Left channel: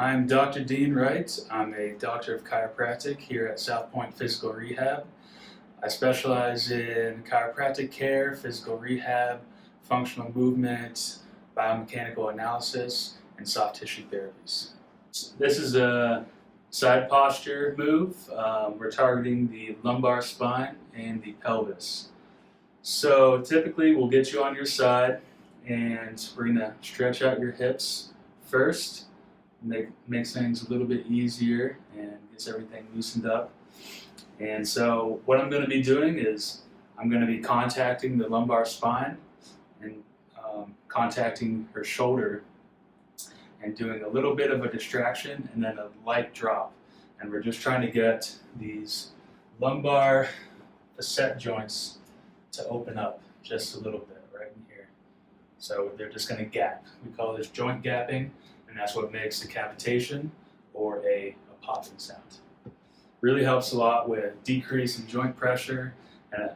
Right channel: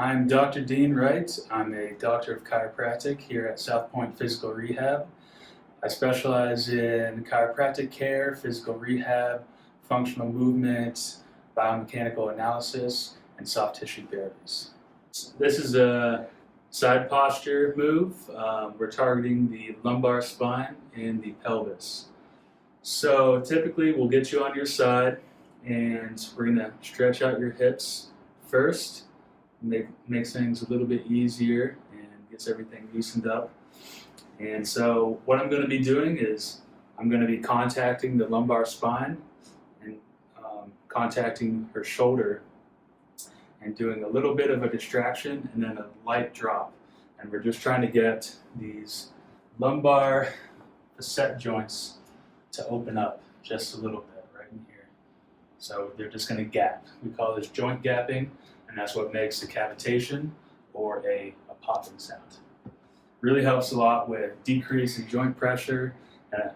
I'm Dr. Dean Wright. I'm a doctor of chiropractic here at South Point Physical Rehab. I specialize in chiropractic care, physical rehab, functional movement, biomechanical analysis, and soft tissue therapies. This is a side posture move. We're targeting the lumbar spine and the pelvis. So typically we'll get you on your side and we're going to stretch out your hips first. Makes things a little bit easier and gets everything loosened up. And so what I'm going to be doing is I'm going to be contacting the lumbar spine and contacting her shoulder and doing a little bit of a distraction and then a light drop. And we're just trying to get these lumbar facet joints to open up just a little bit right in here. So they're just going to gap. We call this joint gapping, and that's what makes a cavitation or a popping sound. Really helps a lot with decrease in joint pressure and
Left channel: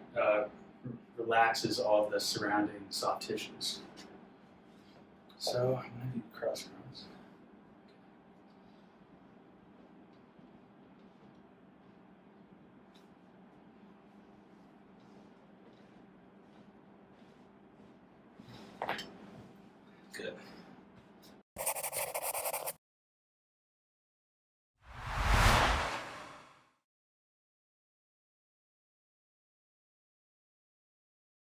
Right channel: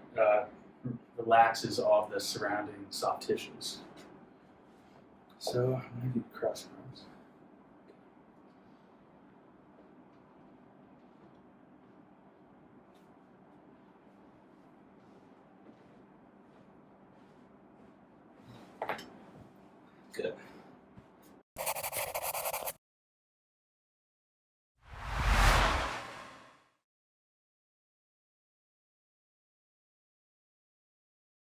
relaxes all of the surrounding soft tissues. So I'm going to do cross arms. Good.